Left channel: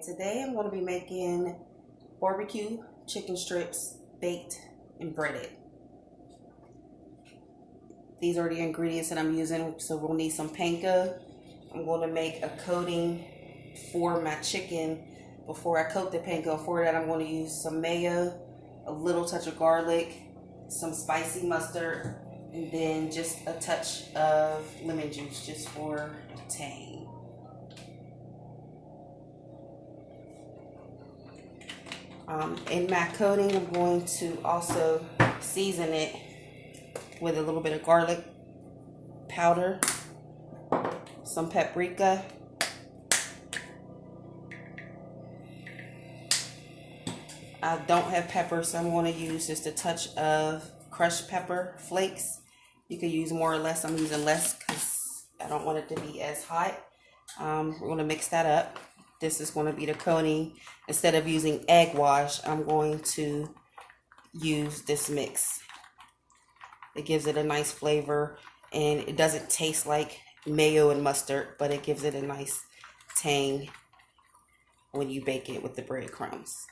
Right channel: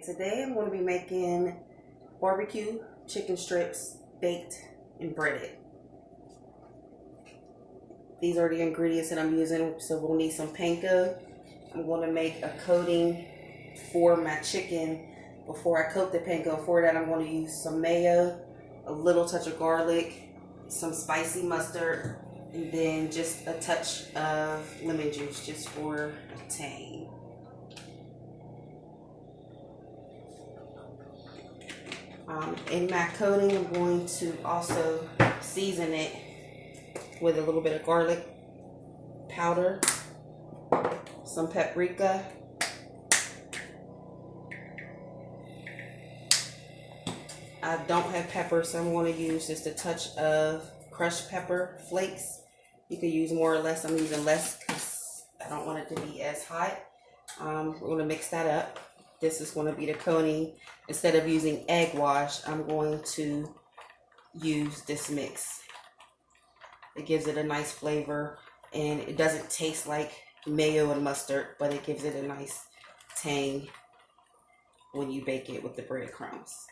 Today I'm going to be making barbecue chicken strips baked and breaded. These are the ingredients that I'm using. So we'll need some panko. I'm going to make a coating for my chicken before I coat the panko. For that I'm going to use some mayo, a little touch of garlic, some spicy mustard, and then just a touch of lemon juice just for a tang. In my coating, I'm going to also season it with a little bit of garlic powder, some paprika, I don't have pepper, so I'm going to use just a touch of crushed pepper flakes. You can use more or less. I'm using less because I don't want it to be as hot. We're going to mix that up. This is going to be the coating. Instead of using egg wash, I'm going to use this mix. It gives it a nice flavor, and it doesn't taste like mayo and mustard, but it gives it a nice tang when you bake it with the breadcrumbs.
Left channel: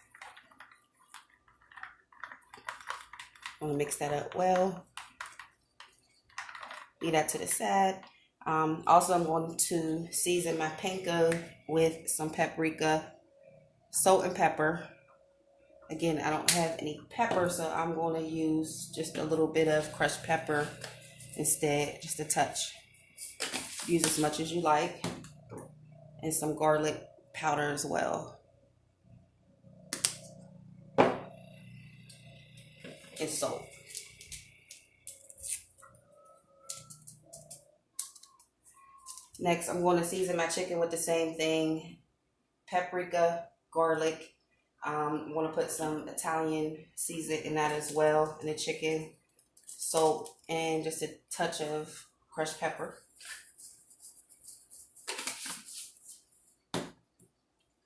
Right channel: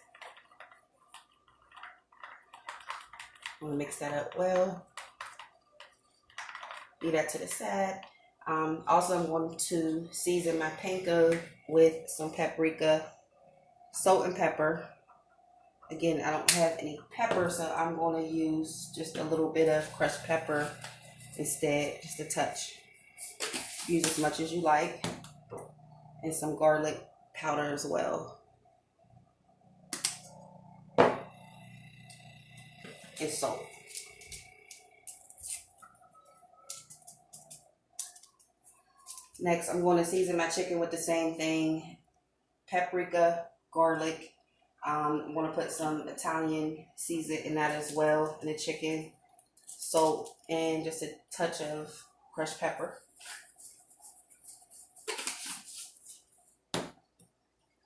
I'm going to mix that up well. Leave that to the side. Also, I'm going to season my panko with some paprika, salt and pepper. Again, I don't have any pepper, so I'm going to use just a little bit of crushed pepper instead, just a touch. Use as much as you like. And some garlic powder as well. And salt. Next, I'm going to season my chicken with the same thing. Paprika, garlic. I'm going to put some Italian seasoning in that as well, in the chicken. Salt, and just a touch of crushed pepper.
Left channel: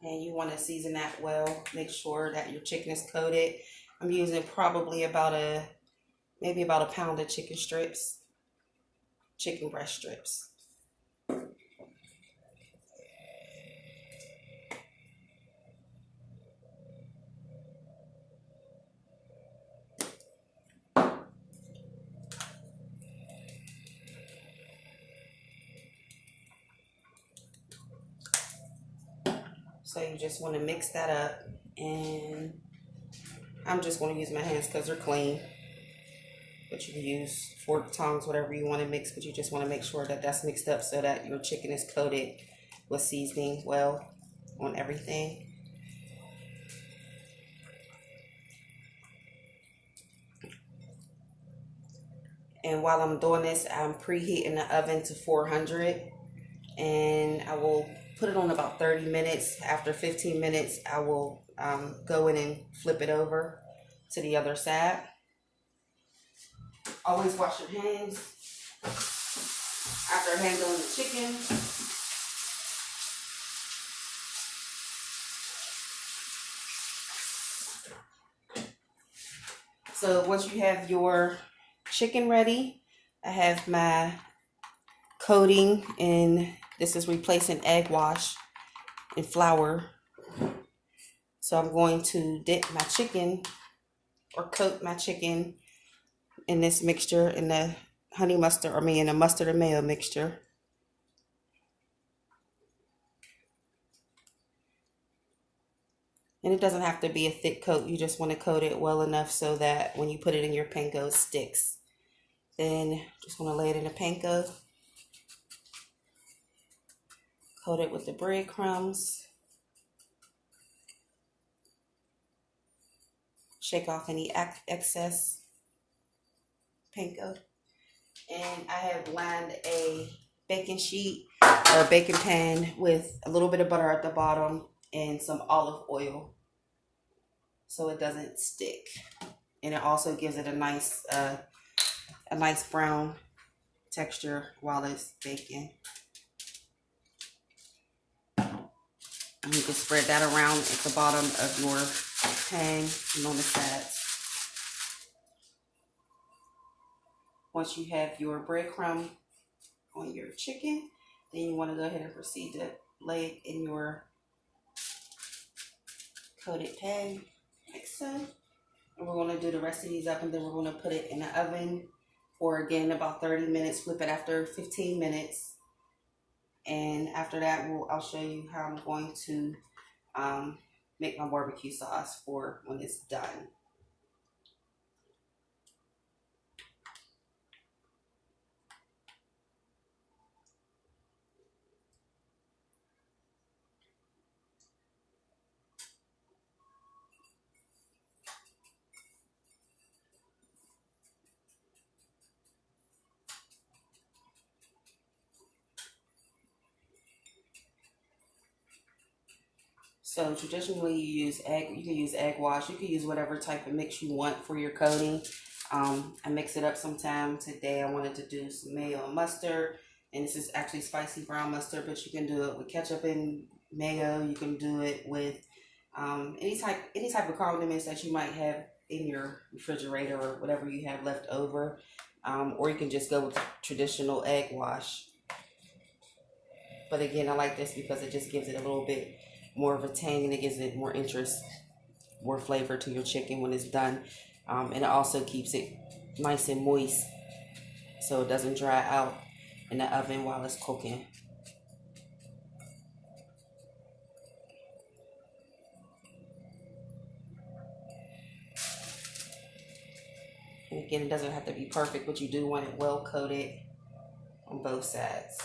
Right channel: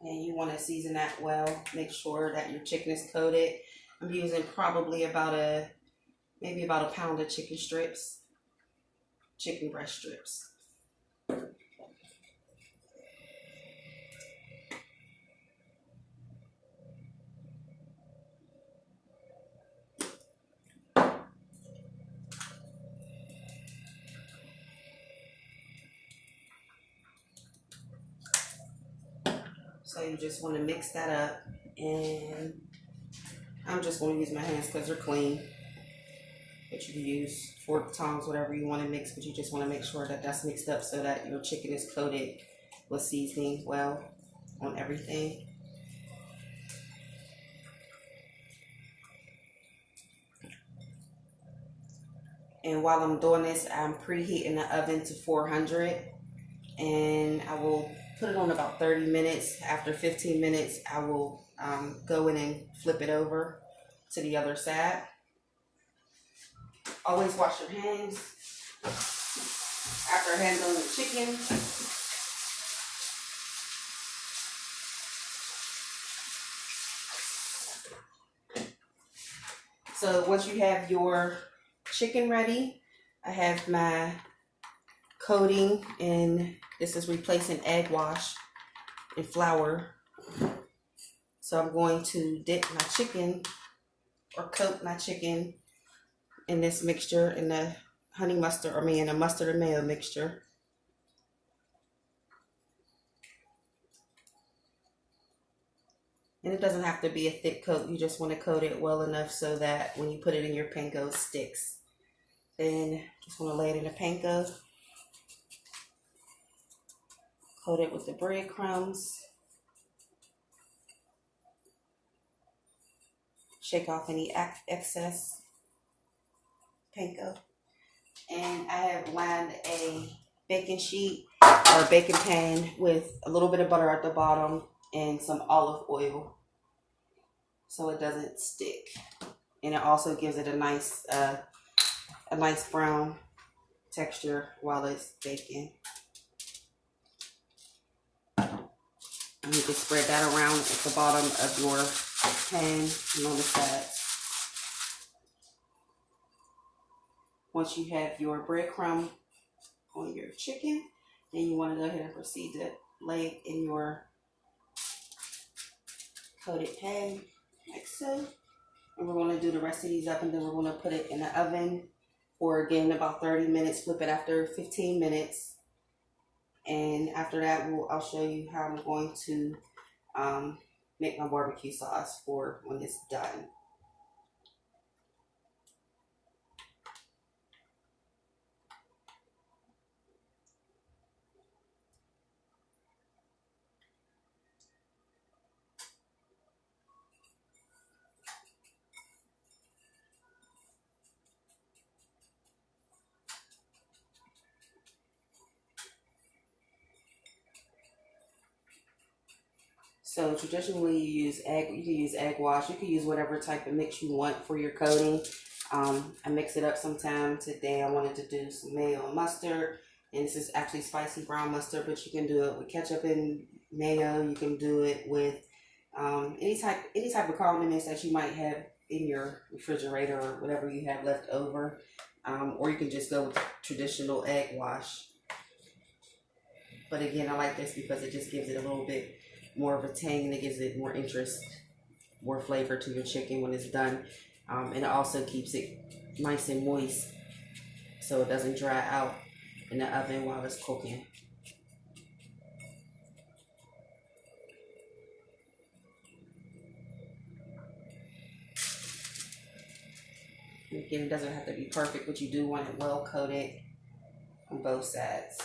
And you want to season that well. Make sure that your chicken is coated. I'm using probably maybe about a pound of chicken strips, chicken breast strips. So you just want to mix that up, and I'm just going to use my hands because they're clean. But you can use fork, tongs, whatever you want to mix, but you just want to make sure that that's mixed up so that your chicken is coated with seasoning well on everything. And while I'm doing this, I'm preheating the oven to 400, and I will put it on about 30 minutes. After 15 minutes, I will go in and flip it over to the other side. Always wash your hands after handling the chicken. So once you have your chicken ready, I have my coating, and this is replacing egg wash and flour. So I'm going to dip my chicken or coat my chicken in this mixture, in the honey mustard, in the mustard and mayo mixture. And it doesn't have to be a thick coat. You just want to coat it well enough so that when you put it in your panko, it sticks. Then just want to lay it in the panko. Coat it with the breadcrumbs. Shake off any excess panko. And I have lined a baking sheet or a baking pan with a little bit of butter at the bottom and some olive oil so it doesn't stick. And it also gives it a nice brown texture while it's baking. And you can spread that around at the bottom of your pan and on the sides. Once you have your breadcrumb on your chicken, then you want to go ahead and proceed to lay it in your coated pan, like so. And we're going to do the rest of these up, and then we're going to put it in the oven for, again, about 30 minutes. Flip it after 15 minutes. And after that, I'll show you how I'm going to make my barbecue sauce for when it's done. So traditionally you use egg, you can use egg wash, you can use whatever type of mix you want for your coating. I mix it up sometime. Today I wanted to do some mayo and mustard, and this is actually spicy brown mustard, but you can do it with ketchup and mayo. You can do it with any type of condiments that you might have in your refrigerator or whatever you have left over, or you can just go with traditional egg wash. But again, I like this because it just gives it a little bit more of a tang, and it gives it more interest, more flavor to your chicken when it's done. And it also keeps it nice and moist so it doesn't dry out in the oven while it's cooking. And again, it doesn't have to be perfect, but you do want it well coated on both sides.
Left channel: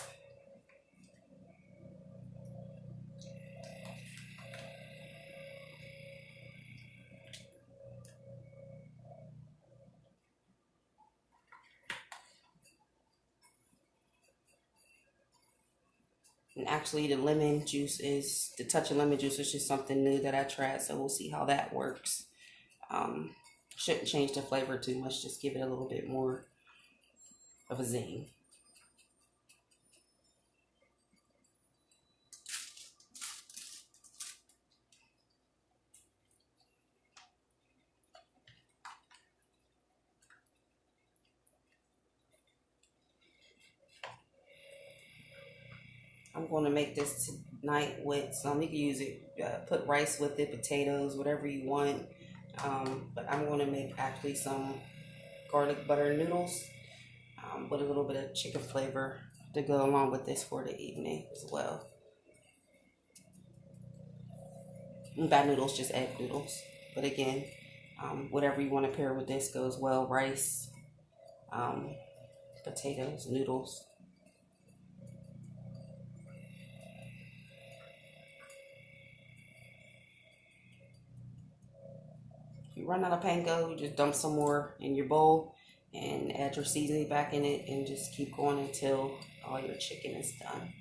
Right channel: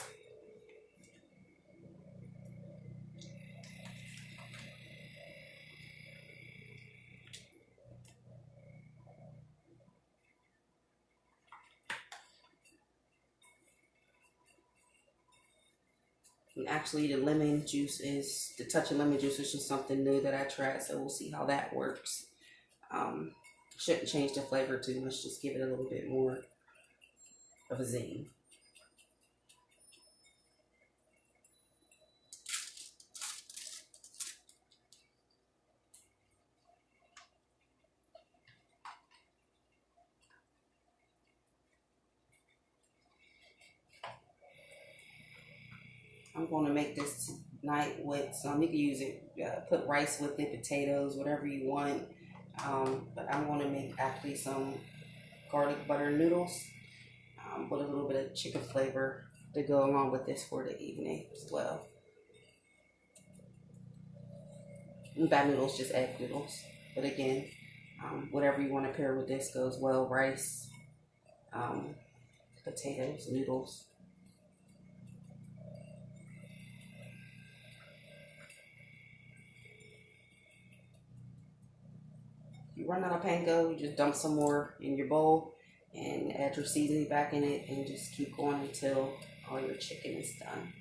And actually the touch of lemon juice is just something new that I tried, so we'll see how that works. Shouldn't change the flavor too much, just give it a little bit more of a zing. I'm going to make this tonight with some, you can use it, put rice with it, potatoes, whatever you want. But I'm going to make actually some garlic butter noodles with a little bit of chicken flavor to go along with this for the evening as well. Not noodles, just egg noodles. But again, whatever you want to pair with this goes well. Rice, potatoes, noodles. You run out of panko, you just dump some more in your bowl and add your seasoning back in it, and just keep going until all your chicken is done.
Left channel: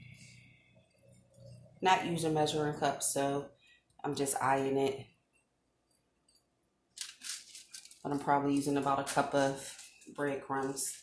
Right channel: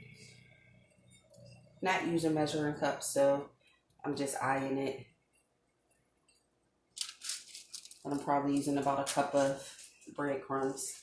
Not using measuring cups, so I'm just eyeing it. I'm probably using about a cup of breadcrumbs.